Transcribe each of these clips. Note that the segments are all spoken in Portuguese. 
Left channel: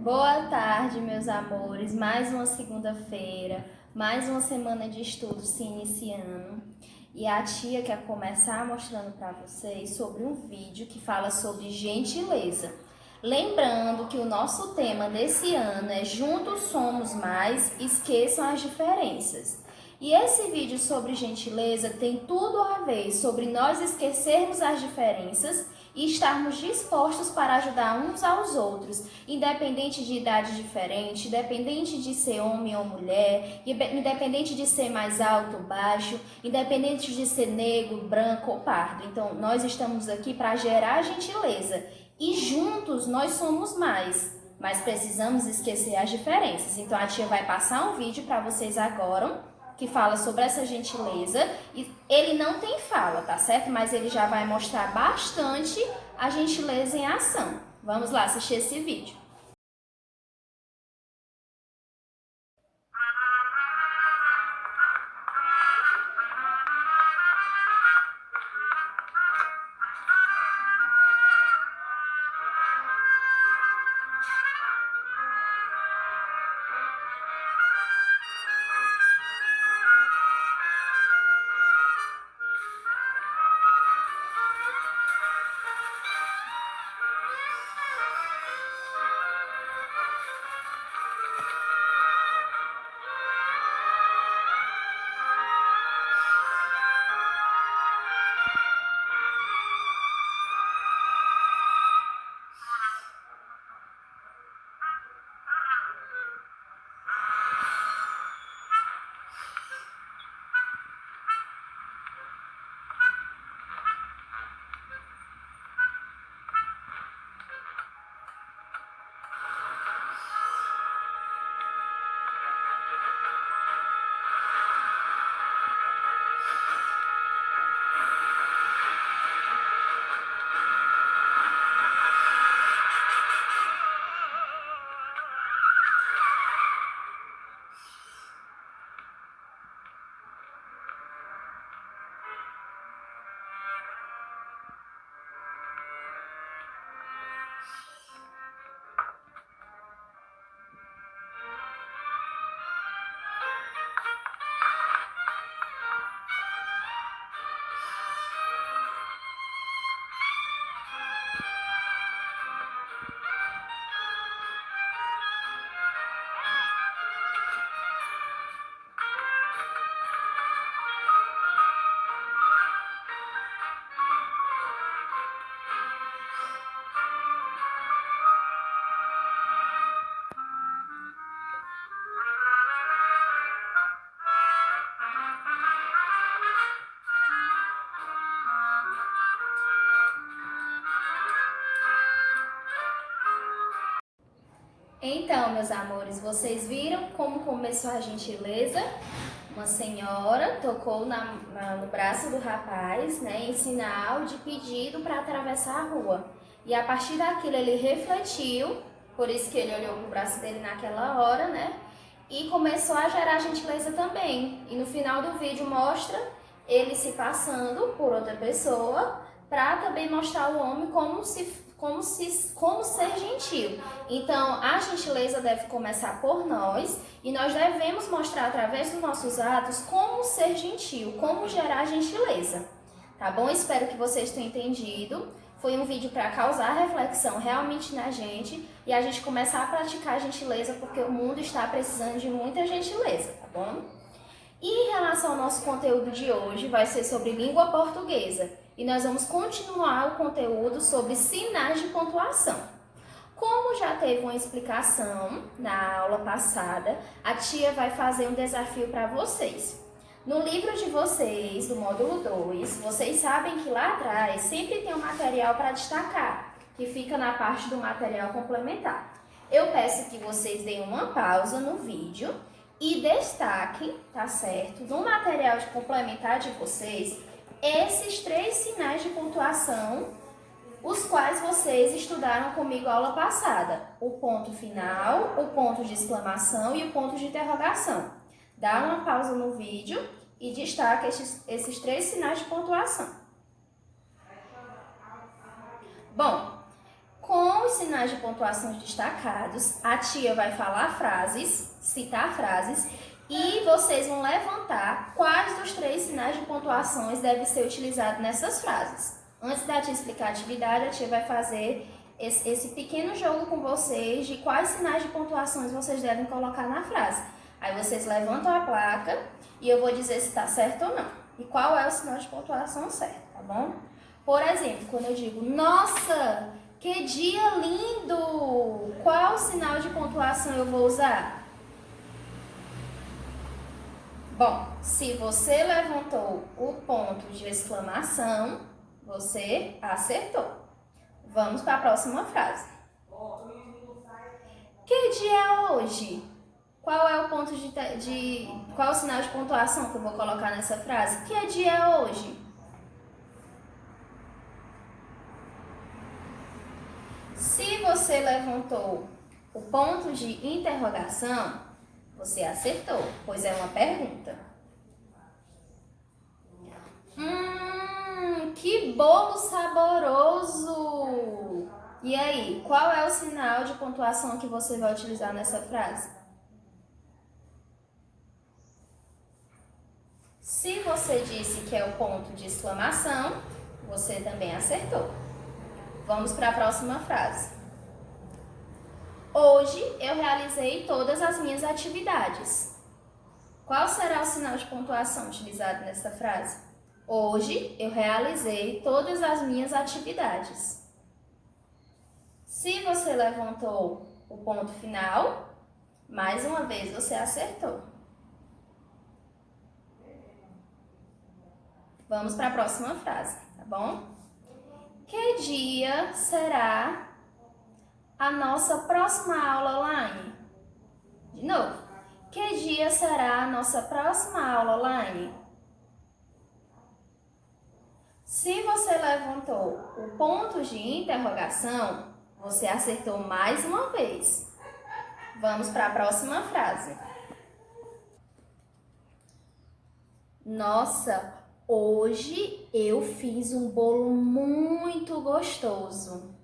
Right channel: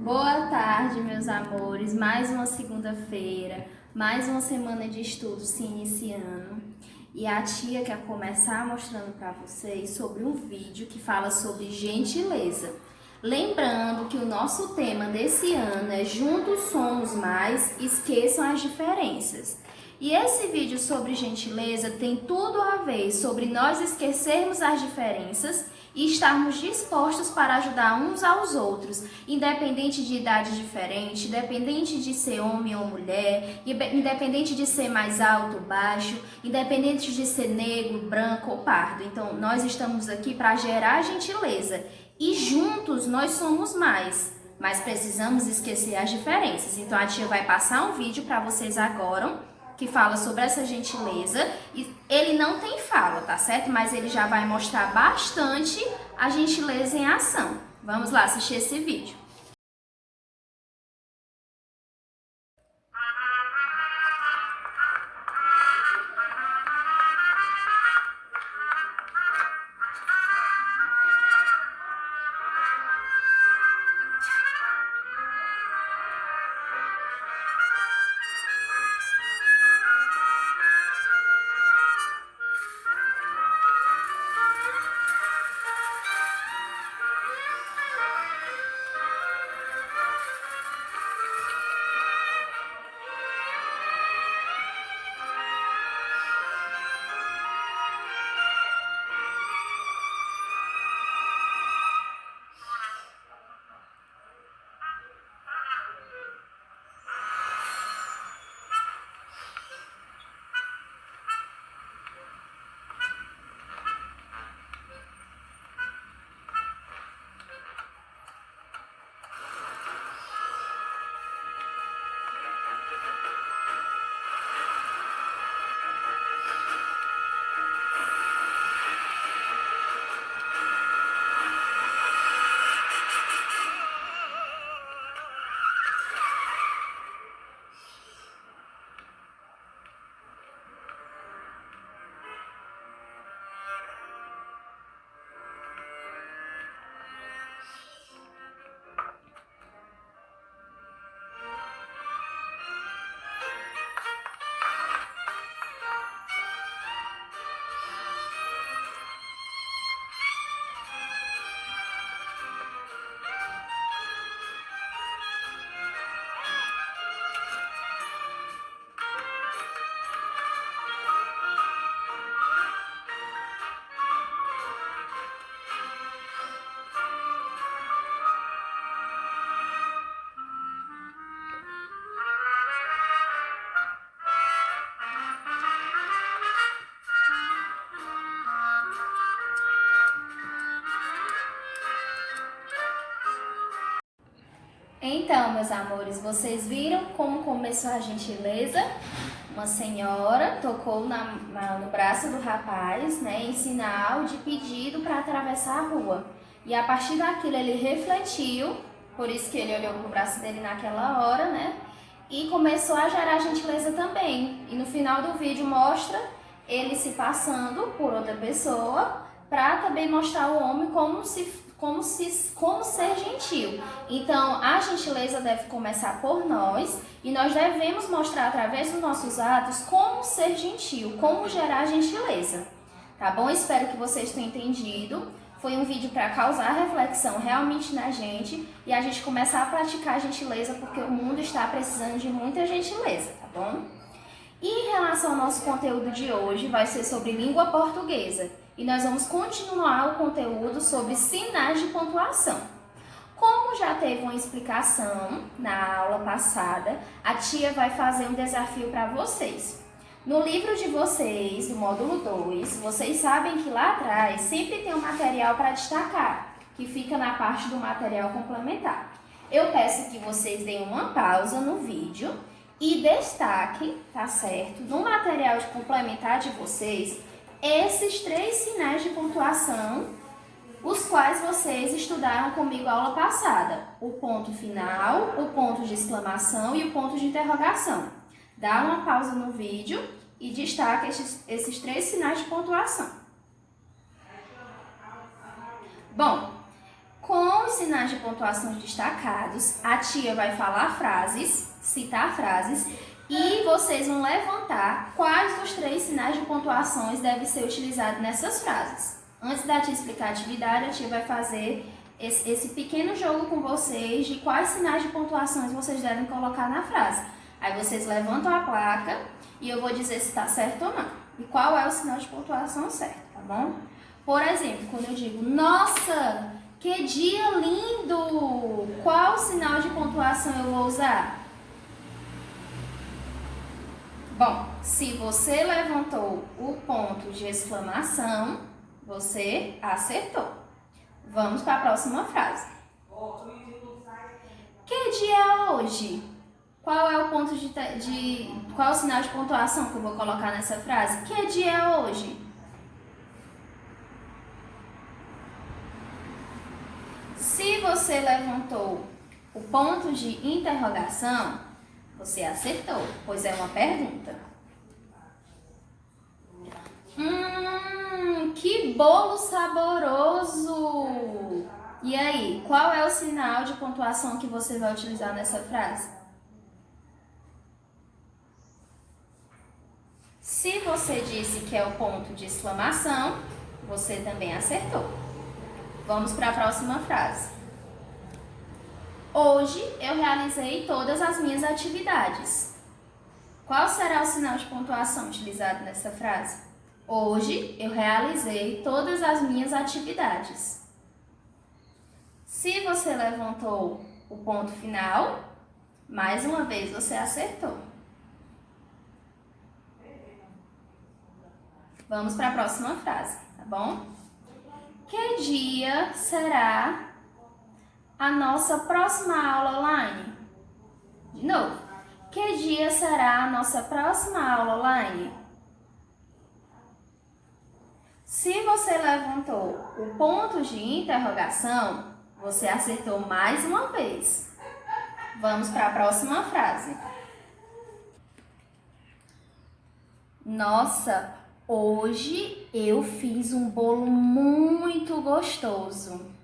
Boa tarde, meus amores. Mais uma segunda-feira, mais uma semana de estudo se iniciando. E a tia quer começar mostrando para vocês sobre um vídeo que fala sobre gentileza. Lembrando que o nosso tema desse ano é Juntos Somos Mais, Esqueçam as Diferenças. E esse vídeo sobre gentileza tem tudo a ver sobre nós esquecermos as diferenças e estarmos dispostos para ajudar uns aos outros, independente de idade diferente, independente de ser homem ou mulher, independente de ser mais alto ou baixo, independente de ser negro, branco ou pardo. Então, nós estamos aqui para gerar gentileza e juntos nós somos mais, mas precisamos esquecer as diferenças. Então, a tia vai passar um vídeo para vocês agora que fala sobre essa gentileza. E ele não tem fala, tá certo? Mas ele já vai mostrar bastante a gentileza em ação. Vamos lá assistir esse vídeo. Então, meus amores, vocês viram como começou a gentileza? Uma senhora tocou no braço do rapaz, né, em sinal de pedido para atravessar a rua. E a partir daquilo ele refletiu, por isso que ele olhou para o braço dele naquela hora, né, e começou a gerar gentileza também. E no final do vídeo mostra ele se passando por outra pessoa para também mostrar o homem como ser gentil. Então, a gentileza deve começar por nós e nós devemos mostrar através dos nossos atos como ser gentil, como gerar gentileza. Tá bom? Espero que vocês tenham entendido. Foi um vídeo para causar reflexão realmente na gente e a gente começar a praticar a gentileza porque o mundo está precisando de muita gentileza, tá bom? E em relação ao nosso conteúdo de hoje, vai ser sobre língua portuguesa. E nós vamos continuar o conteúdo sobre sinais de pontuação. Como já teve uma explicação na aula passada, a tia vai fazer um desafio para vocês. No livro de vocês, do módulo 2, vocês sabem que lá atrás sempre tem um material para destacar, que fica na parte do material complementar. Eu peço que vocês deem uma pausa no vídeo e destaquem, tá certo, no material de complementar de vocês, esses 3 sinais de pontuação, os quais vocês estudaram comigo a aula passada. O ponto final, o ponto de exclamação e o ponto de interrogação. Dá uma pausa no vídeo e destaca esses 3 sinais de pontuação. Bom, Com os sinais de pontuação destacados, a tia vai falar frases, citar frases, e vocês vão levantar quais dos 3 sinais de pontuações devem ser utilizados nessas frases. Antes da tia explicar a atividade, a tia vai fazer esse pequeno jogo com vocês de quais sinais de pontuações vocês devem colocar na frase. Aí vocês levantam a placa e eu vou dizer se está certo ou não. E qual é o sinal de pontuação certo, tá bom? Por exemplo, quando eu digo, nossa, que dia lindo! Qual sinal de pontuação eu vou usar? Bom, se você levantou o ponto de exclamação, você acertou. Vamos para a próxima frase. Que dia é hoje? Qual é o ponto qual é o sinal de pontuação que eu vou colocar nessa frase? Que dia é hoje? Se você levantou o ponto de interrogação, você acertou, pois é uma pergunta. Que bolo saboroso! E aí, qual é o sinal de pontuação que você vai utilizar nessa frase? Se você disse que é o ponto de exclamação, você também acertou. Vamos para a próxima frase. Hoje eu realizei todas as minhas atividades. Qual será o sinal de pontuação utilizado nessa frase? Hoje eu realizei todas as minhas atividades. Se você levantou o ponto final, mais uma vez você acertou. Vamos para a próxima frase, tá bom? Que dia será a nossa próxima aula online? De novo. Que dia será a nossa próxima aula online? Se você levantou o ponto de interrogação, você acertou mais uma vez. Vamos para a próxima frase. Nossa, hoje eu fiz um bolo muito gostoso.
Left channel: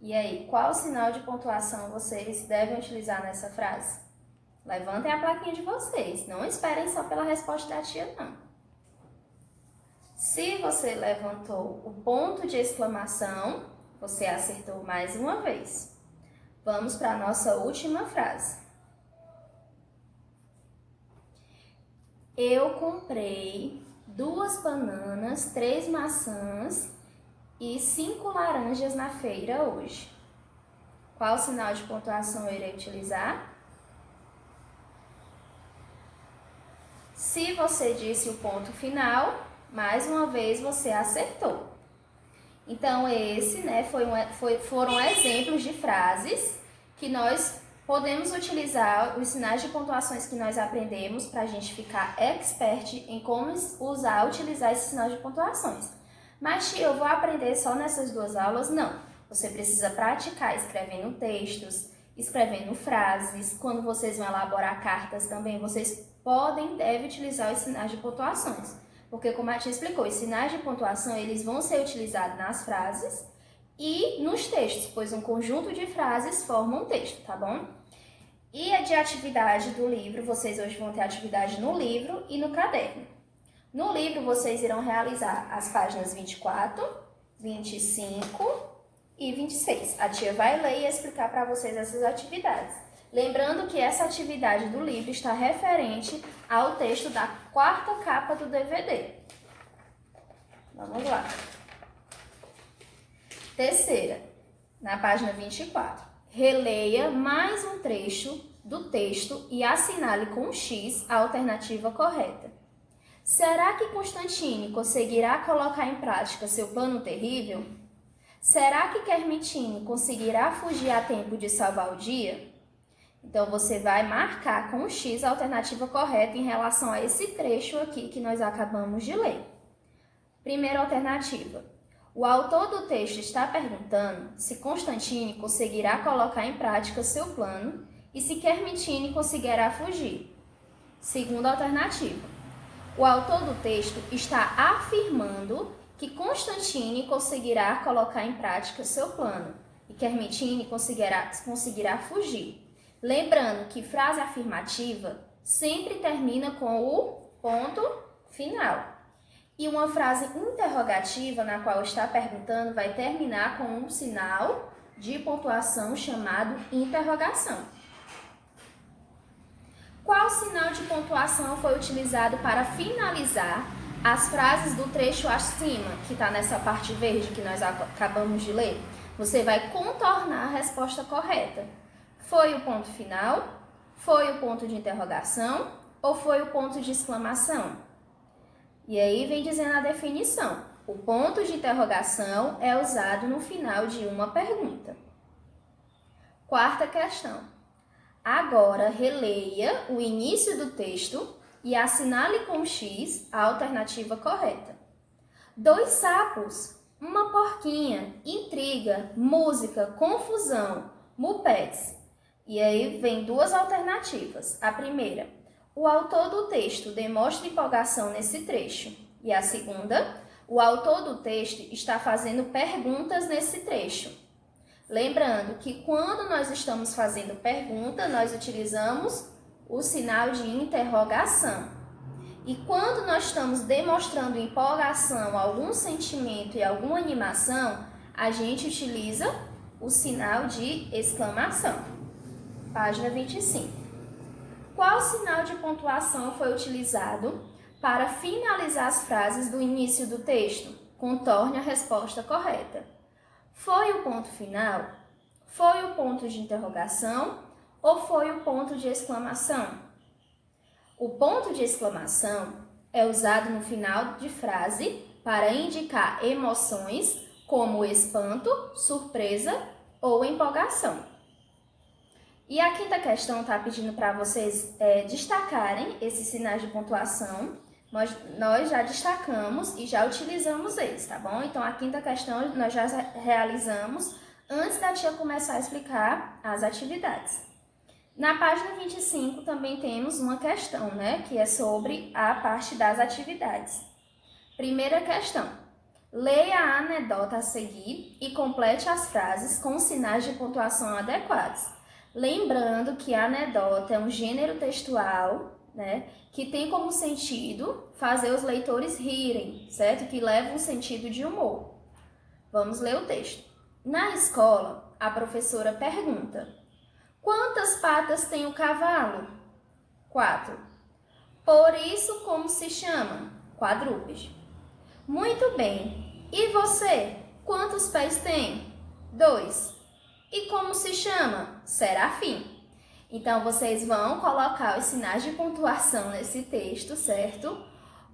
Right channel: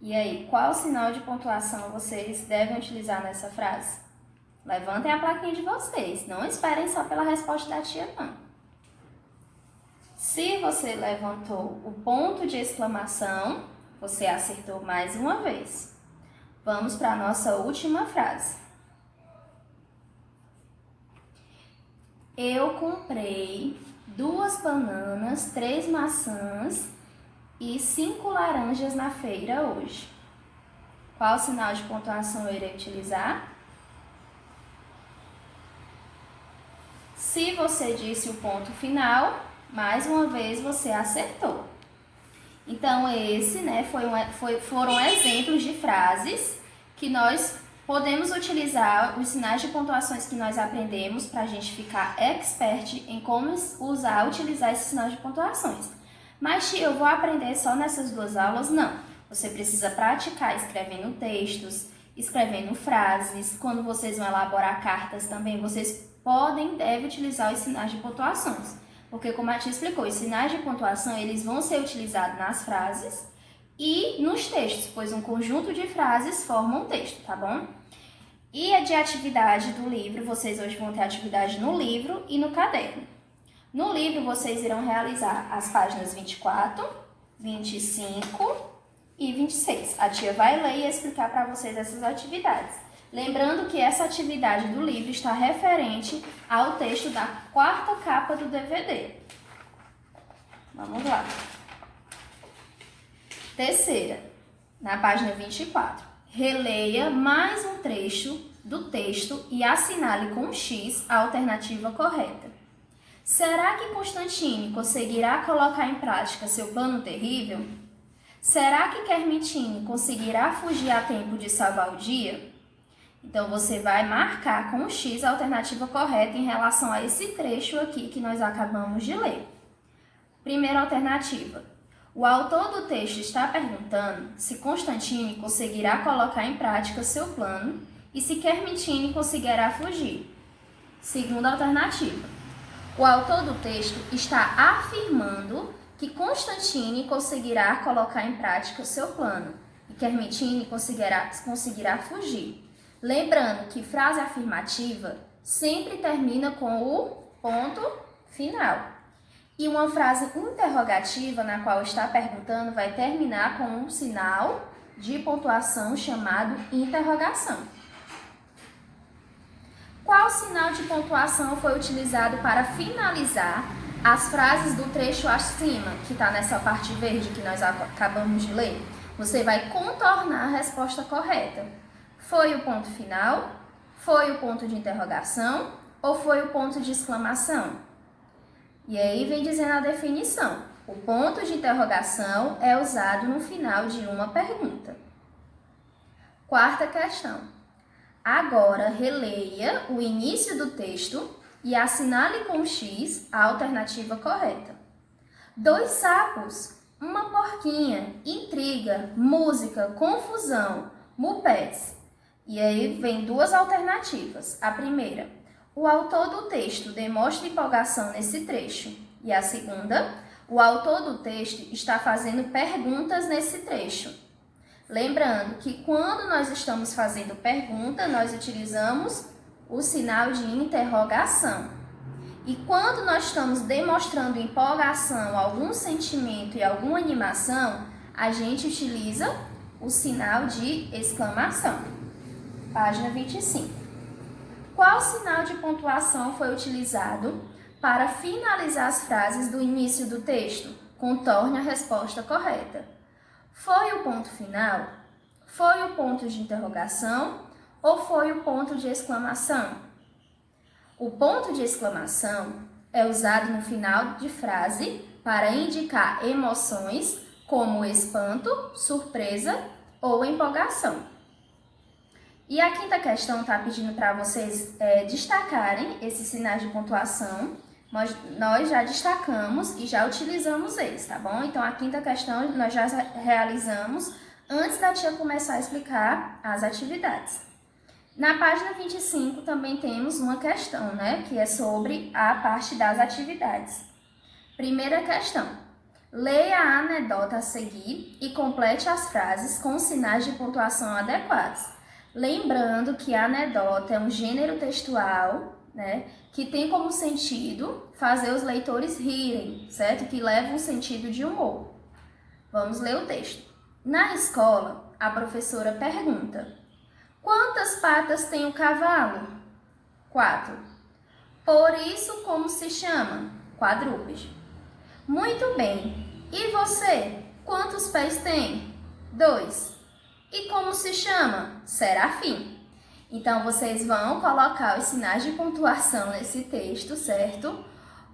E aí, qual sinal de pontuação vocês devem utilizar nessa frase? Levantem a plaquinha de vocês, não esperem só pela resposta da tia, não. Se você levantou o ponto de exclamação, você acertou mais uma vez. Vamos para a nossa última frase. Eu comprei 2 bananas, 3 maçãs e 5 laranjas na feira hoje. Qual sinal de pontuação eu irei utilizar? Se você disse o ponto final, mais uma vez você acertou. Então, esse, foram exemplos de frases que nós podemos utilizar, os sinais de pontuações que nós aprendemos para a gente ficar expert em como utilizar esses sinais de pontuações. Mas, tia, eu vou aprender só nessas 2 aulas? Não. Você precisa praticar escrevendo textos, escrevendo frases. Quando vocês vão elaborar cartas também, vocês devem utilizar os sinais de pontuações. Porque, como a tia explicou, os sinais de pontuação eles vão ser utilizados nas frases e nos textos, pois um conjunto de frases forma um texto, tá bom? E a de atividade do livro, vocês hoje vão ter atividade no livro e no caderno. No livro, vocês irão realizar as páginas 24, 25 e 26. A tia vai ler e explicar para vocês essas atividades. Lembrando que essa atividade do livro está referente ao texto da 4ª capa do DVD. Vamos lá. Terceira, na página 24. Releia mais um trecho do texto e assinale com X a alternativa correta. Será que Constantine conseguirá colocar em prática seu plano terrível? Será que Kermitine conseguirá fugir a tempo de salvar o dia? Então, você vai marcar com o X a alternativa correta em relação a esse trecho aqui que nós acabamos de ler. Primeira alternativa. O autor do texto está perguntando se Constantine conseguirá colocar em prática seu plano e se Kermitine conseguirá fugir. Segunda alternativa. O autor do texto está afirmando que Constantine conseguirá colocar em prática seu plano e e Kermitine conseguirá fugir. Lembrando que frase afirmativa sempre termina com o ponto final. E uma frase interrogativa, na qual está perguntando, vai terminar com um sinal de pontuação chamado interrogação. Qual sinal de pontuação foi utilizado para finalizar as frases do trecho acima, que está nessa parte verde que nós acabamos de ler? Você vai contornar a resposta correta. Foi o ponto final? Foi o ponto de interrogação? Ou foi o ponto de exclamação? E aí vem dizendo a definição. O ponto de interrogação é usado no final de uma pergunta. Quarta questão. Agora releia o início do texto e assinale com X a alternativa correta. 2 sapos, uma porquinha, intriga, música, confusão, mupetes. E aí vem 2 alternativas. A primeira, o autor do texto demonstra empolgação nesse trecho. E a segunda, o autor do texto está fazendo perguntas nesse trecho. Lembrando que quando nós estamos fazendo pergunta, nós utilizamos o sinal de interrogação. E quando nós estamos demonstrando empolgação, algum sentimento e alguma animação, a gente utiliza o sinal de exclamação. Página 25. Qual sinal de pontuação foi utilizado para finalizar as frases do início do texto? Contorne a resposta correta. Foi o ponto final? Foi o ponto de interrogação? Ou foi o ponto de exclamação? O ponto de exclamação é usado no final de frase para indicar emoções como espanto, surpresa ou empolgação. E a quinta questão está pedindo para vocês destacarem esses sinais de pontuação. Nós já destacamos e já utilizamos eles, tá bom? Então, a quinta questão nós já realizamos antes da tia começar a explicar as atividades. Na página 25 também temos uma questão, né? Que é sobre a parte das atividades. Primeira questão. Leia a anedota a seguir e complete as frases com sinais de pontuação adequados. Lembrando que a anedota é um gênero textual, né, que tem como sentido fazer os leitores rirem, certo? Que leva um sentido de humor. Vamos ler o texto. Na escola, a professora pergunta: quantas patas tem o cavalo? 4. Por isso, como se chama? Quadrúpede. Muito bem. E você? Quantos pés tem? 2. E como se chama? Serafim. Então, vocês vão colocar os sinais de pontuação nesse texto, certo?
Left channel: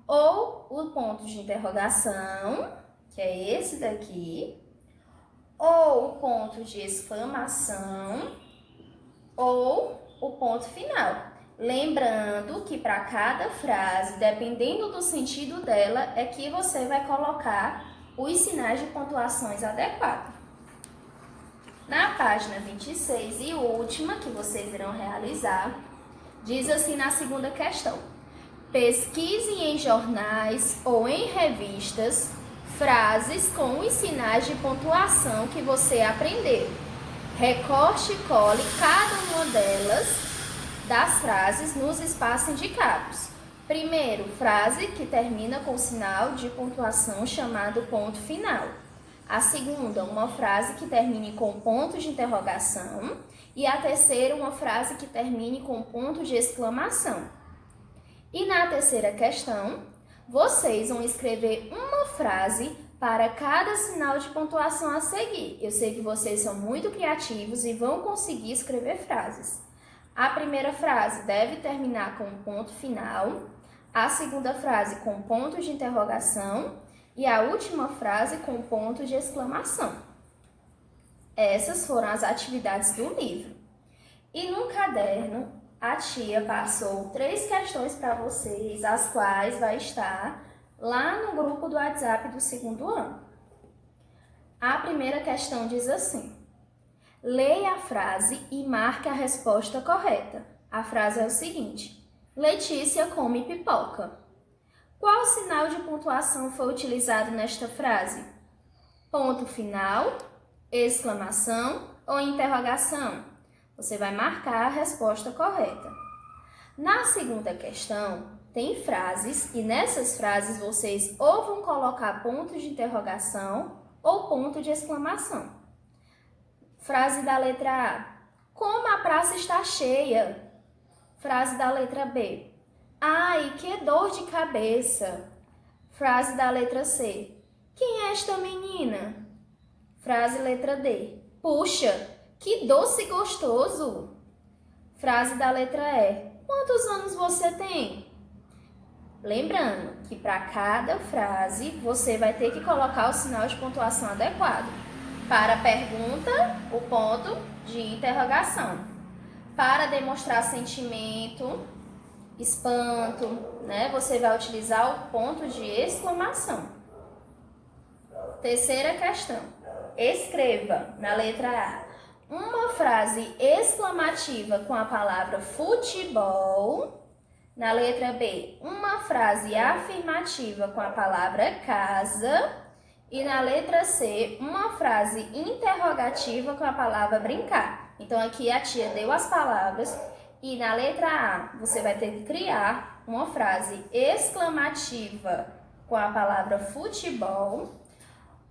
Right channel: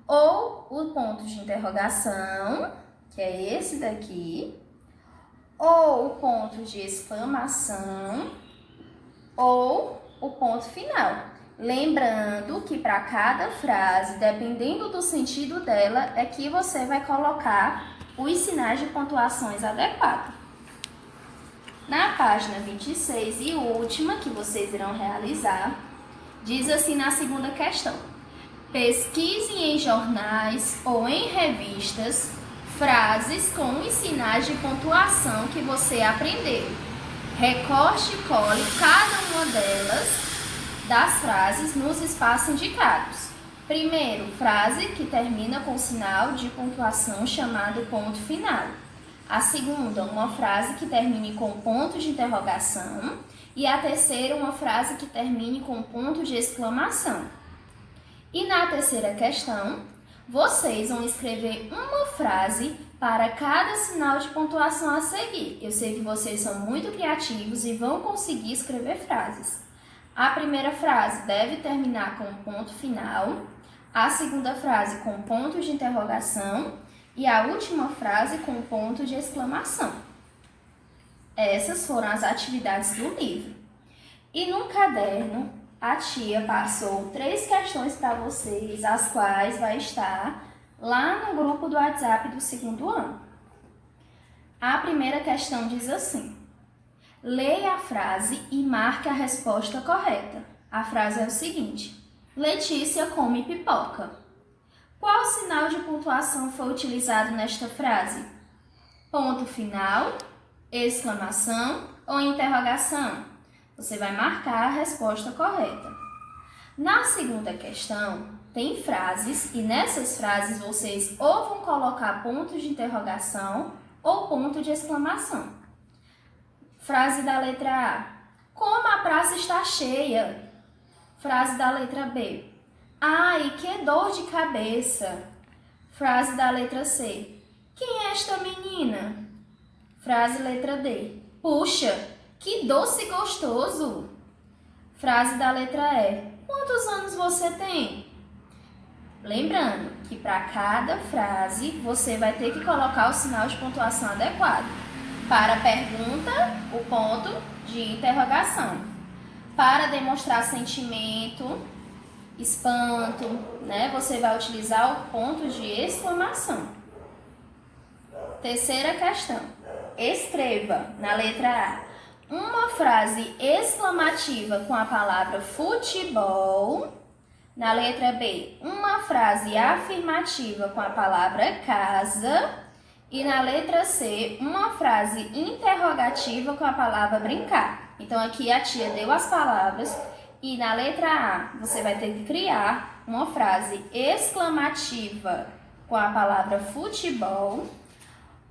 Ou o ponto de interrogação, que é esse daqui, ou o ponto de exclamação, ou o ponto final. Lembrando que para cada frase, dependendo do sentido dela, é que você vai colocar os sinais de pontuações adequados. Na página 26 e última, que vocês irão realizar, diz assim na segunda questão: pesquise em jornais ou em revistas frases com os sinais de pontuação que você aprendeu. Recorte e cole cada uma das frases nos espaços indicados. Primeiro, frase que termina com sinal de pontuação chamado ponto final. A segunda, uma frase que termine com ponto de interrogação. E a terceira, uma frase que termine com ponto de exclamação. E na terceira questão, vocês vão escrever uma frase para cada sinal de pontuação a seguir. Eu sei que vocês são muito criativos e vão conseguir escrever frases. A primeira frase deve terminar com ponto final. A segunda frase com ponto de interrogação. E a última frase com ponto de exclamação. Essas foram as atividades do livro. E no caderno, a tia passou 3 questões para vocês, as quais vai estar lá no grupo do WhatsApp do 2º ano. A primeira questão diz assim: leia a frase e marque a resposta correta. A frase é o seguinte: Letícia come pipoca. Qual sinal de pontuação foi utilizado nesta frase? Ponto final, exclamação ou interrogação? Você vai marcar a resposta correta. Na segunda questão, tem frases e nessas frases vocês ou vão colocar ponto de interrogação ou ponto de exclamação. Frase da letra A: como a praça está cheia. Frase da letra B: ai, que dor de cabeça. Frase da letra C: quem é esta menina? Frase letra D: puxa, que doce gostoso. Frase da letra E: quantos anos você tem? Lembrando que para cada frase você vai ter que colocar o sinal de pontuação adequado. Para a pergunta, o ponto de interrogação. Para demonstrar sentimento, espanto, né? Você vai utilizar o ponto de exclamação. Terceira questão. Escreva na letra A uma frase exclamativa com a palavra futebol. Na letra B, uma frase afirmativa com a palavra casa. E na letra C, uma frase interrogativa com a palavra brincar. Então, aqui a tia deu as palavras e na letra A você vai ter que criar uma frase exclamativa com a palavra futebol,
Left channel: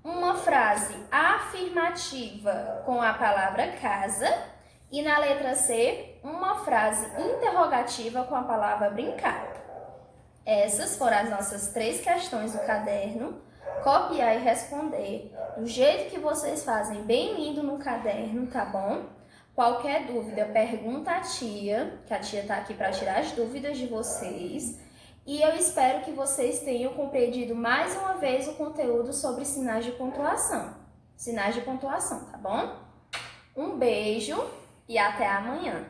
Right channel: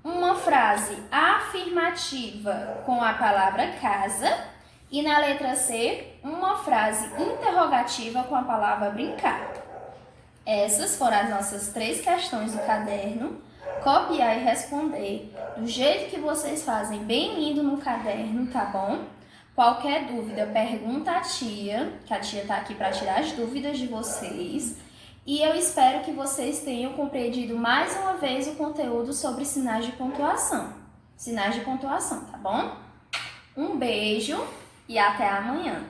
uma frase afirmativa com a palavra casa e na letra C, uma frase interrogativa com a palavra brincar. Essas foram as nossas 3 questões do caderno. Copiar e responder do jeito que vocês fazem, bem lindo no caderno, tá bom? Qualquer dúvida, pergunta à tia, que a tia tá aqui para tirar as dúvidas de vocês. E eu espero que vocês tenham compreendido mais uma vez o conteúdo sobre sinais de pontuação. Sinais de pontuação, tá bom? Um beijo e até amanhã.